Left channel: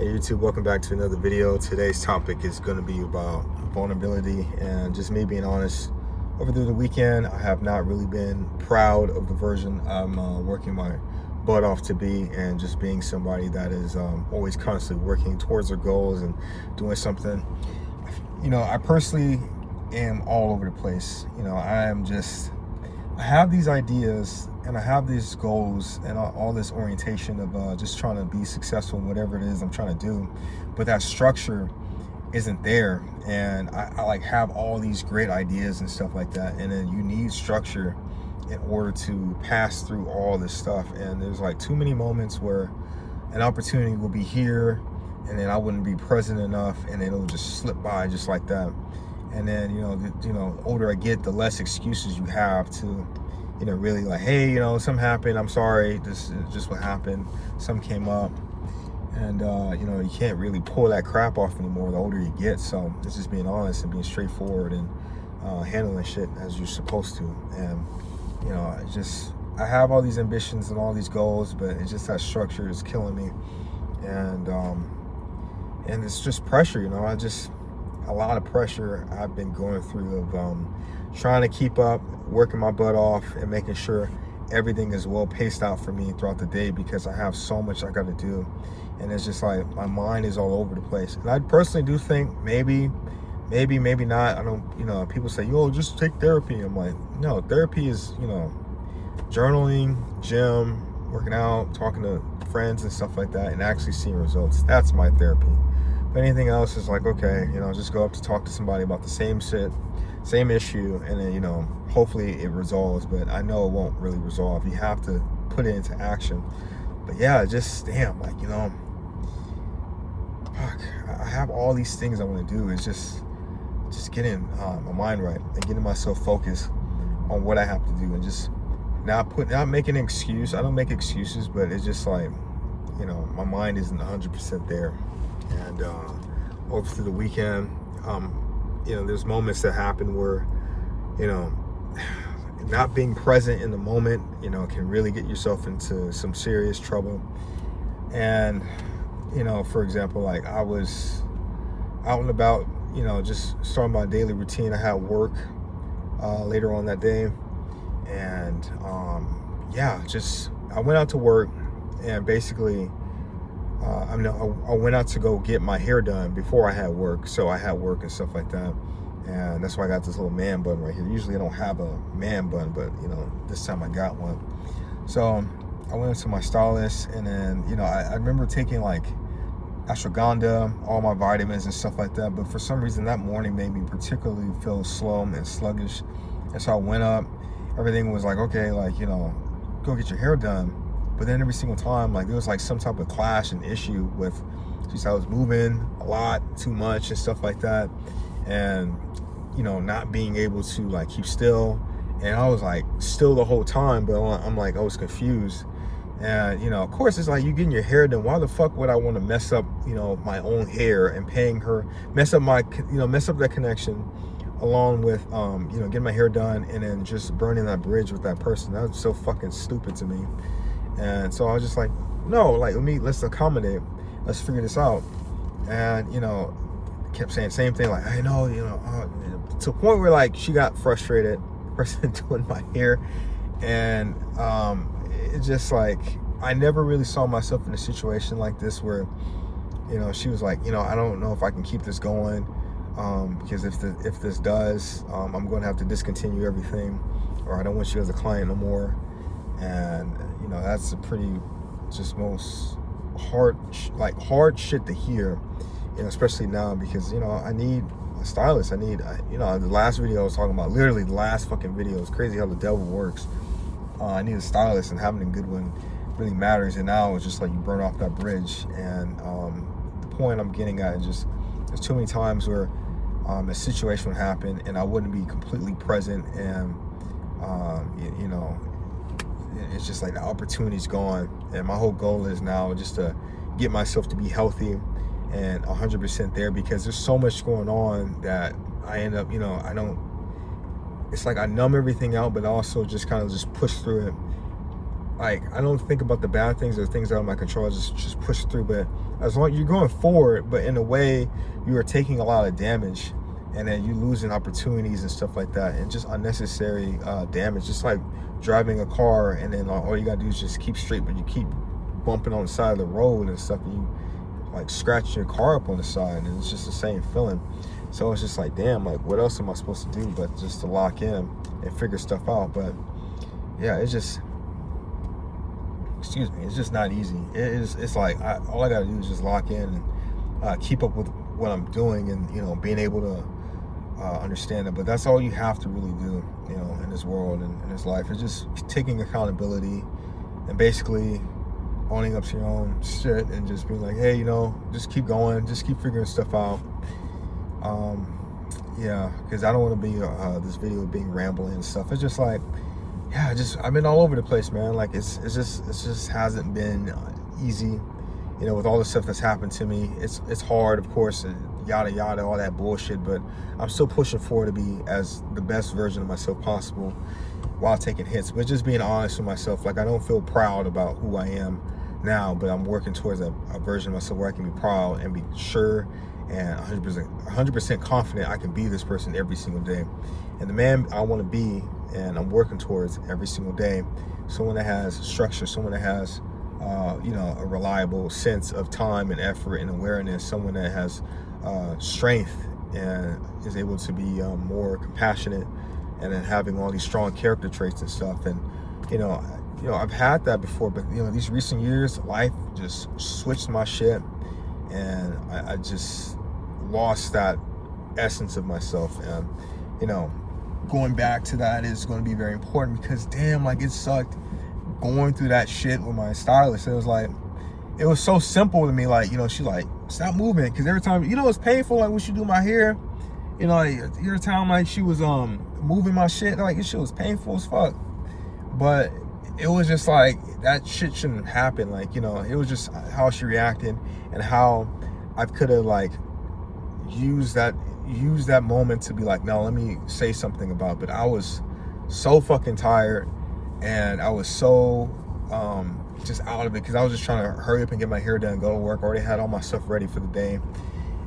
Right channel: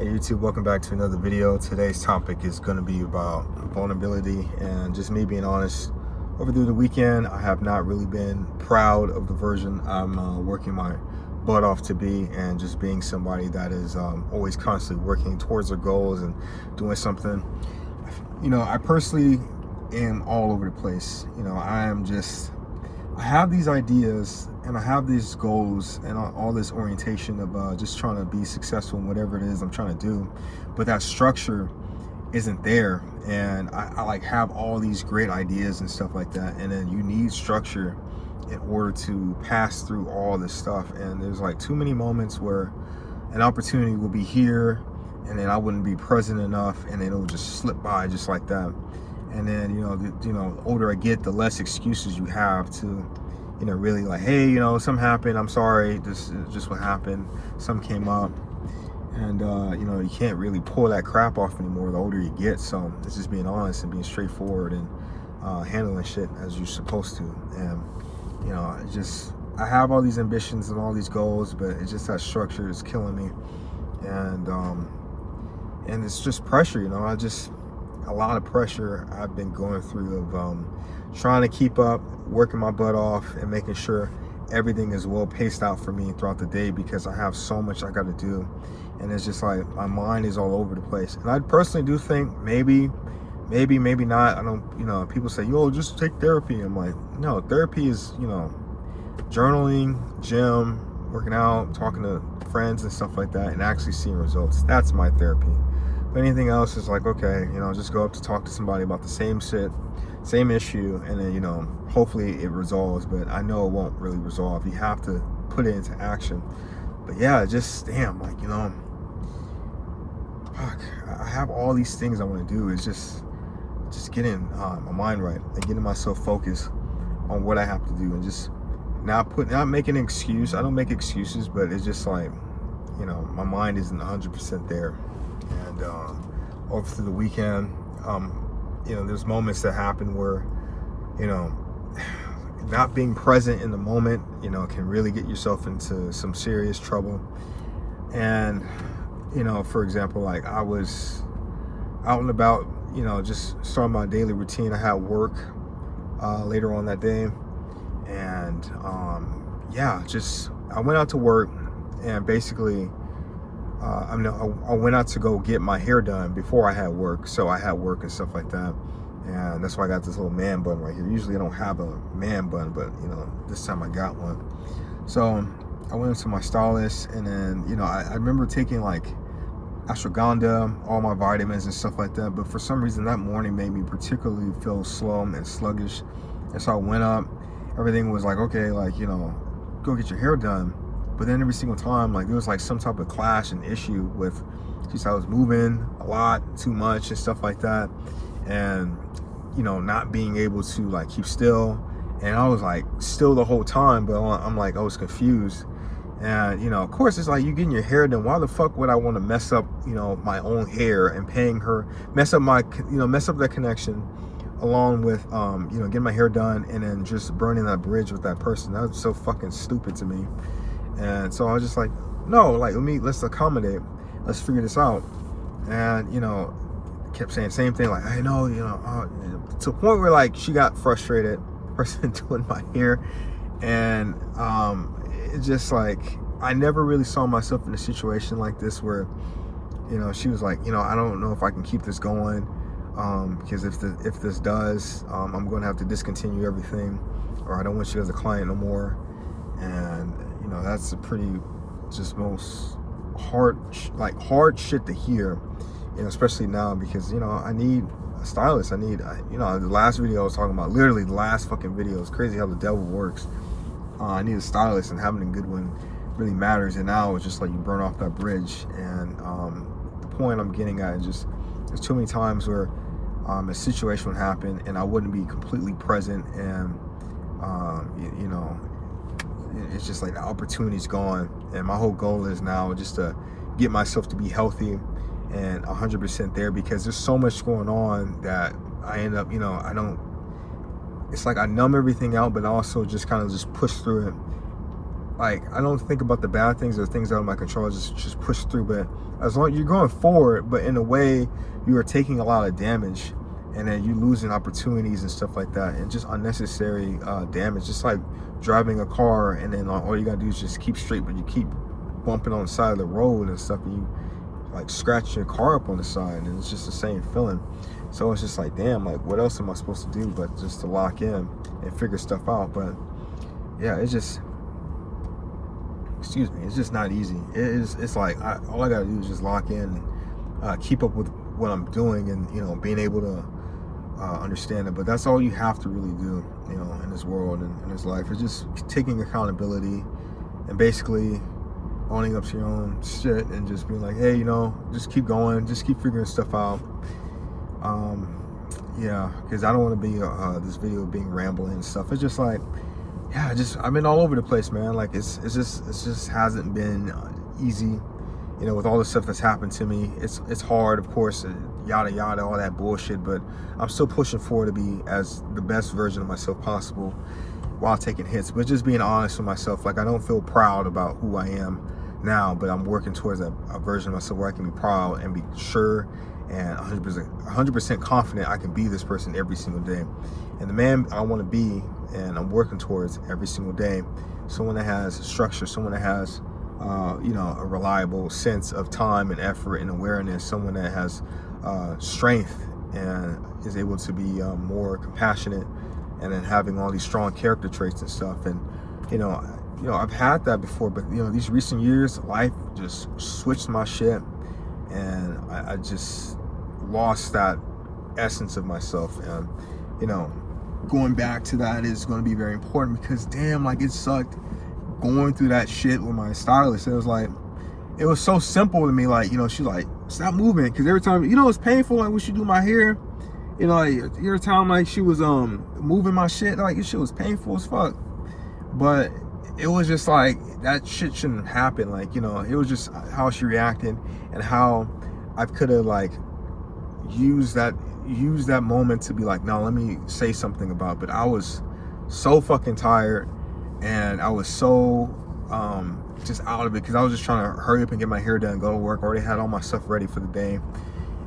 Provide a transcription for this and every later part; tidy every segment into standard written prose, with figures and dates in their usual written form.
Hey YouTube, welcome back to another video. Today's topic is going to be about vulnerability and just me being honest. Over the weekend, I have not really been proud of the version I'm working my butt off to be, and just being somebody that is always constantly working towards their goals and doing something. I personally am all over the place. I have these ideas and I have these goals and all this orientation of just trying to be successful in whatever it is I'm trying to do, but that structure isn't there. And I like have all these great ideas and stuff like that, and then you need structure in order to pass through all this stuff. And there's like too many moments where an opportunity will be here and then I wouldn't be present enough, and then it'll just slip by just like that. And then the older I get, the less excuses you have to really, like, hey, something happened, I'm sorry, this is just what happened, something came up. And you can't really pull that crap off anymore the older you get. So it's just being honest and being straightforward and handling shit as you're supposed to. And I have all these ambitions and all these goals, but it's just that structure is killing me. And it's just pressure, a lot of pressure I've been going through of trying to keep up, working my butt off, and making sure everything is well paced out for me throughout the day, because I have so much I got to do. And it's just like my mind is all over the place. And I personally do think maybe not. I don't, people say, yo, just take therapy. I'm like, no, therapy is, journaling, gym, working out, talking to friends and stuff like that, and actually seeing results. That's my therapy. But anything else is like, okay, just go up to talk to somebody about the same shit, same issue, and then, hopefully it resolves. But I know it won't really resolve. You have to put it into action. But yeah, just damn, like, fuck, I have all these things I want to do. It's just getting my mind right and getting myself focused on what I have to do, and just not making an excuse. I don't make excuses, but it's just like, my mind isn't 100% there. And over through the weekend, there's moments that happen where, not being present in the moment, can really get yourself into some serious trouble. And, for example, like I was out and about, just starting my daily routine. I had work later on that day. And, I went out to work, and basically, I went out to go get my hair done before I had work. So I had work and stuff like that. And that's why I got this little man bun right here. Usually I don't have a man bun, but, this time I got one. So I went to my stylist, and then, I remember taking like ashwagandha, all my vitamins and stuff like that. But for some reason that morning made me particularly feel slow and sluggish. And so I went up, everything was like, okay, like, go get your hair done. But then every single time, like, there was like some type of clash and issue with, just I was moving a lot, too much and stuff like that. And, not being able to like keep still. And I was like still the whole time, but I'm like, I was confused. And, of course, it's like, you getting your hair done. Why the fuck would I want to mess up, my own hair and paying her, mess up that connection, along with, getting my hair done and then just burning that bridge with that person. That was so fucking stupid to me. And so I was just like, no, like, let's accommodate, let's figure this out. And, kept saying the same thing, like, I know, to a point where like she got frustrated, person doing my hair. And it's just like, I never really saw myself in a situation like this where, she was like, I don't know if I can keep this going, because if this does, I'm going to have to discontinue everything, or I don't want you as a client no more. And that's a pretty just most hard shit to hear, especially now, because I need a stylist. I need the last video I was talking about, literally the last fucking video. It's crazy how the devil works. I need a stylist, and having a good one really matters. And now it's just like you burn off that bridge. And the point I'm getting at is just, there's too many times where a situation would happen and I wouldn't be completely present, and it's just like the opportunity's gone. And my whole goal is now just to get myself to be healthy and 100% there, because there's so much going on that I end up, it's like I numb everything out, but also just kind of just push through it like, I don't think about the bad things or things out of my control. I just push through. But as long as you're going forward, but in a way you are taking a lot of damage, and then you losing opportunities and stuff like that, and just unnecessary damage. Just like driving a car, and then all you gotta do is just keep straight, but you keep bumping on the side of the road and stuff, and you like scratch your car up on the side, and it's just the same feeling. So it's just like, damn, like what else am I supposed to do but just to lock in and figure stuff out? But yeah, it's just, excuse me, it's just not easy. It's like all I gotta do is just lock in and keep up with what I'm doing, and you know, being able to understand it. But that's all you have to really do, you know, in this world and in this life. It's just taking accountability and basically owning up to your own shit and just being like, hey, you know, just keep going, just keep figuring stuff out. Yeah, because I don't want to be this video being rambling and stuff. It's just like, yeah, I've been all over the place, man. Like it just hasn't been easy, you know, with all the stuff that's happened to me. It's hard, of course, yada yada, all that bullshit, but I'm still pushing forward to be as the best version of myself possible while taking hits. But just being honest with myself, like I don't feel proud about who I am now, but I'm working towards a version of myself where I can be proud and be sure and 100% confident I can be this person every single day. And the man I want to be, and I'm working towards every single day, someone that has structure, someone that has you know, a reliable sense of time and effort and awareness, someone that has strength and is able to be more compassionate, and then having all these strong character traits and stuff. And you know, I've had that before, but you know, these recent years, life just switched my shit, and I just lost that essence of myself. And you know, going back to that is going to be very important, because damn, like it sucked going through that shit with my stylist. It was like, it was so simple to me, like, you know, she's like, stop moving, because every time, you know, it's painful, like when she do my hair, you know, like every time like she was moving my shit, like this shit was painful as fuck. But it was just like, that shit shouldn't happen. Like, you know, it was just how she reacted and how I could have like used that moment to be like, no, let me say something about it. But I was so fucking tired, and I was so just out of it, because I was just trying to hurry up and get my hair done, go to work. I already had all my stuff ready for the day,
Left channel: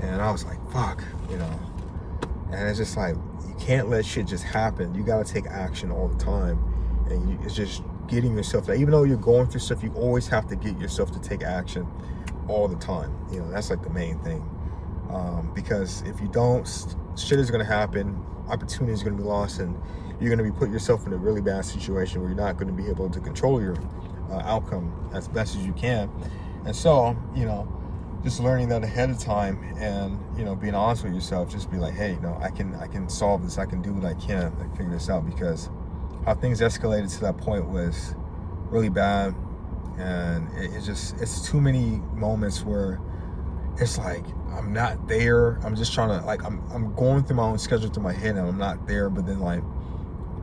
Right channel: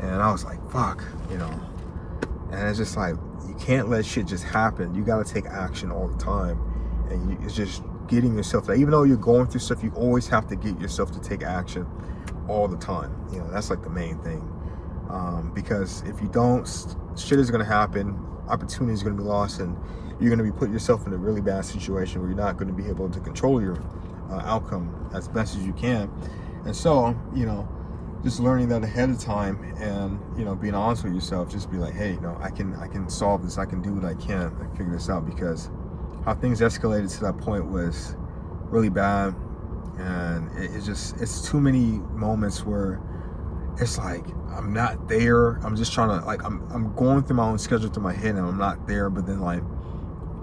and I was like, fuck, you know. And it's just like, you can't let shit just happen. You gotta take action all the time. And it's just getting yourself there. Even though you're going through stuff, you always have to get yourself to take action all the time. You know, that's like the main thing. Because if you don't, shit is gonna happen, opportunities are gonna be lost, and you're gonna be putting yourself in a really bad situation where you're not gonna be able to control your outcome as best as you can. And so, you know, just learning that ahead of time, and you know, being honest with yourself, just be like, hey, you know, I can solve this, I can do what I can and figure this out. Because how things escalated to that point was really bad, and it's too many moments where it's like, I'm not there. I'm just trying to, like, I'm going through my own schedule through my head, and I'm not there. But then like,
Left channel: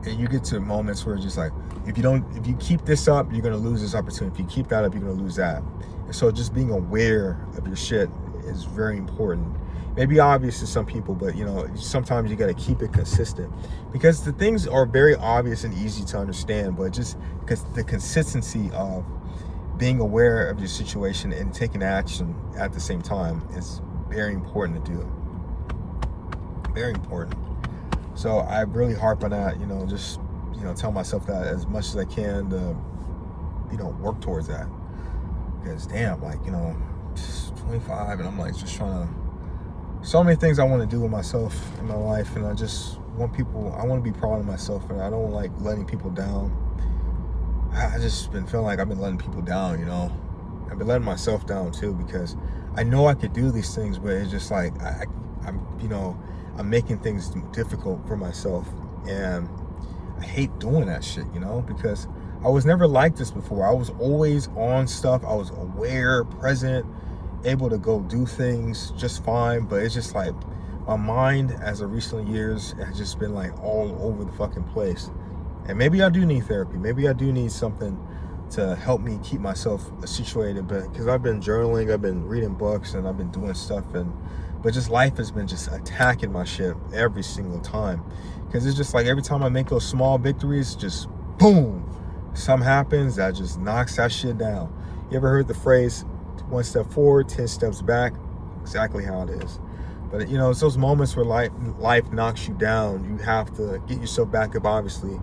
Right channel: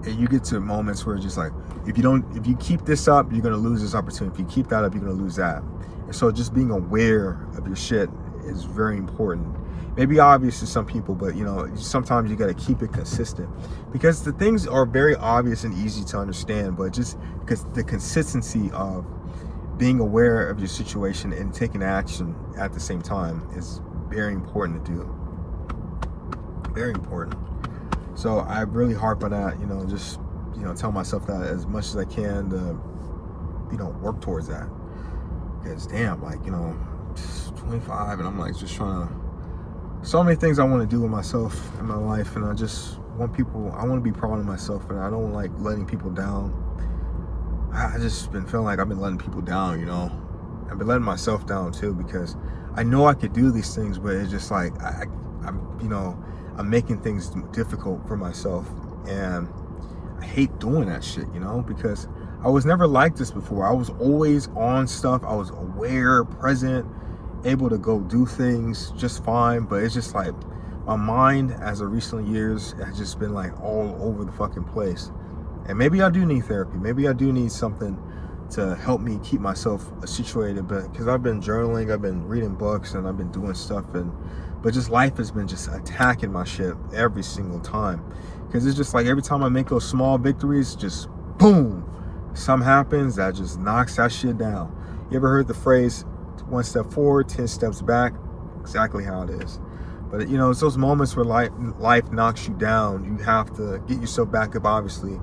you get to moments where it's just like, if you keep this up, you're gonna lose this opportunity. If you keep that up, you're gonna lose that. And so just being aware of your shit is very important. Maybe obvious to some people, but you know, sometimes you gotta keep it consistent, because the things are very obvious and easy to understand, but just because the consistency of being aware of your situation and taking action at the same time is very important to do. Very important. So I really harp on that, you know, just, you know, tell myself that as much as I can to, you know, work towards that. Because damn, like, you know, 25, and I'm like just trying to, so many things I want to do with myself in my life, and I just want I want to be proud of myself, and I don't like letting people down. I just been feeling like I've been letting people down, you know. I've been letting myself down too, because I know I could do these things, but it's just like, I'm, you know, I'm making things difficult for myself, and I hate doing that shit, you know, because I was never like this before. I was always on stuff. I was aware, present, able to go do things just fine. But it's just like, my mind as of recent years has just been like all over the fucking place. And maybe I do need therapy. Maybe I do need something to help me keep myself situated. But because I've been journaling, I've been reading books, and I've been doing stuff, but just life has been just attacking my shit every single time. Because it's just like, every time I make those small victories, just boom, something happens that just knocks that shit down. You ever heard the phrase, 1 step forward, 10 steps back? Exactly how it is. But you know, it's those moments where life knocks you down. You have to get yourself back up, obviously,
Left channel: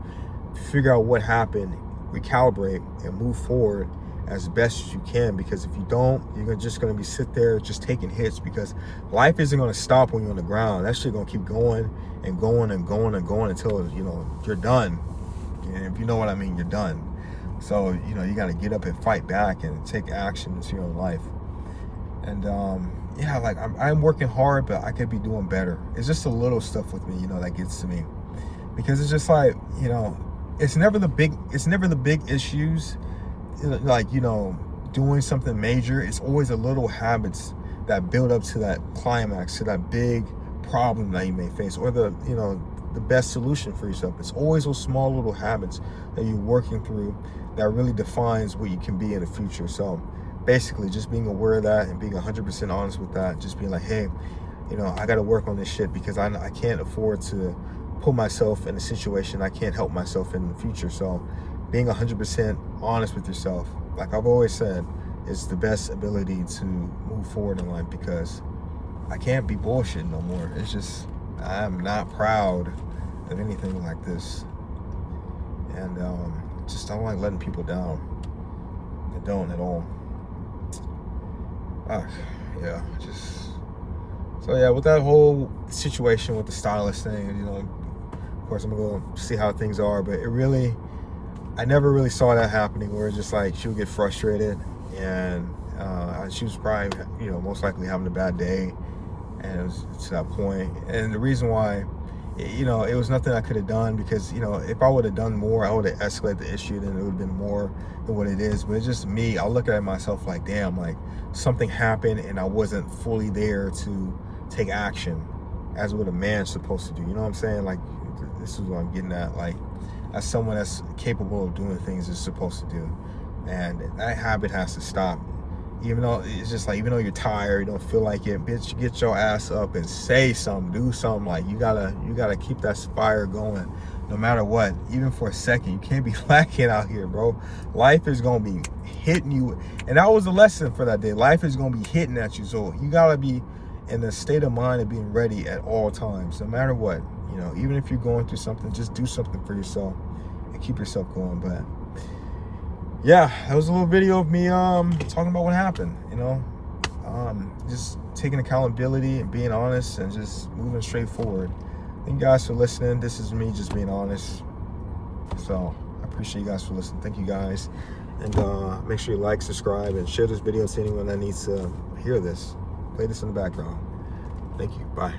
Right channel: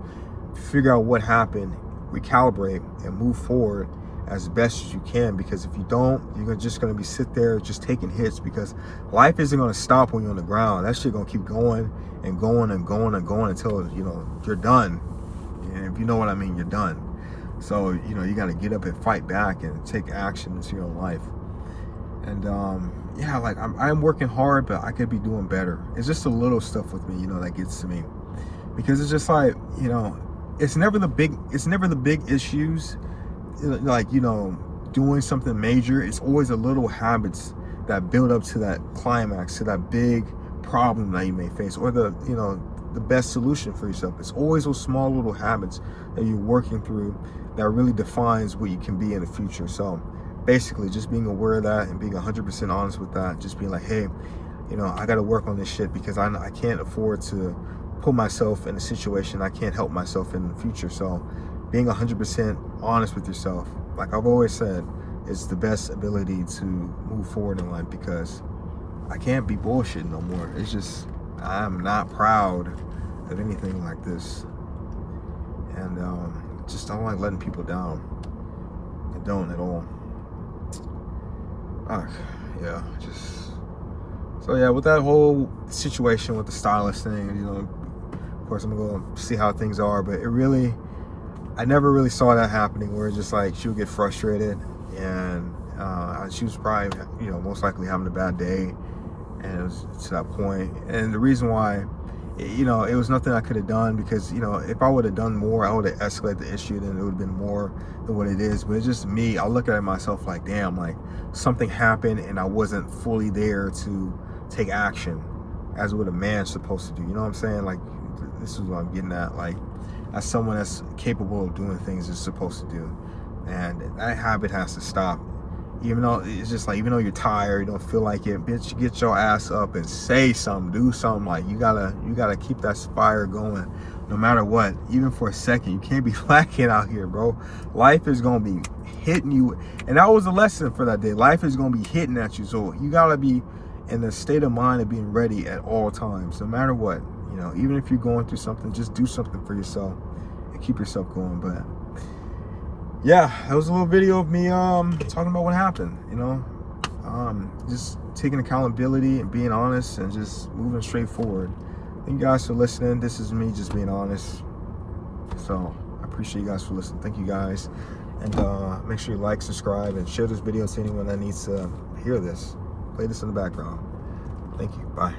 figure out what happened, recalibrate, and move forward as best as you can. Because if you don't, you're just going to be sit there just taking hits, because life isn't going to stop when you're on the ground. That shit going to keep going and going and going and going until, you know, you're done. And if you know what I mean, you're done. So, you know, you got to get up and fight back and take action into your life. And yeah, like I'm working hard, but I could be doing better. It's just the little stuff with me, you know, that gets to me. Because it's just like, you know, it's never the big issues, like, you know, doing something major. It's always the little habits that build up to that climax, to that big problem that you may face, or the, you know, the best solution for yourself. It's always those small little habits that you're working through that really defines what you can be in the future. So basically just being aware of that and being 100% honest with that, just being like, hey, you know, I got to work on this shit, because I can't afford to put myself in a situation I can't help myself in the future. So being 100% honest with yourself, like I've always said, is the best ability to move forward in life, because I can't be bullshit no more. It's just, I'm not proud of anything like this. And just don't like letting people down. I don't at all. Yeah, just, so yeah, with that whole situation with the stylist thing, you know, of course I'm gonna go see how things are, but it really, I never really saw that happening, where it's just like she would get frustrated, and she was probably, you know, most likely having a bad day, and it was to that point. And the reason why, you know, it was nothing I could have done, because, you know, if I would have done more, I would have escalated the issue, then it would have been more than what it is. But it's just me, I look at myself like, damn, like something happened and I wasn't fully there to take action as what a man's supposed to do. You know what I'm saying? Like, this is what I'm getting at. Like, as someone that's capable of doing things it's supposed to do. And that habit has to stop. Even though it's just like, even though you're tired, you don't feel like it, bitch, get your ass up and say something, do something. Like, you gotta keep that fire going no matter what, even for a second. You can't be lacking out here, bro. Life is gonna be hitting you, and that was a lesson for that day. Life is gonna be hitting at you, so you gotta be in the state of mind of being ready at all times, no matter what. You know, even if you're going through something, just do something for yourself and keep yourself going. But yeah, that was a little video of me talking about what happened, you know, just taking accountability and being honest and just moving straight forward. Thank you guys for listening. This is me just being honest. So I appreciate you guys for listening. Thank you guys. And make sure you like, subscribe, and share this video to anyone that needs to hear this. Play this in the background. Thank you. Bye.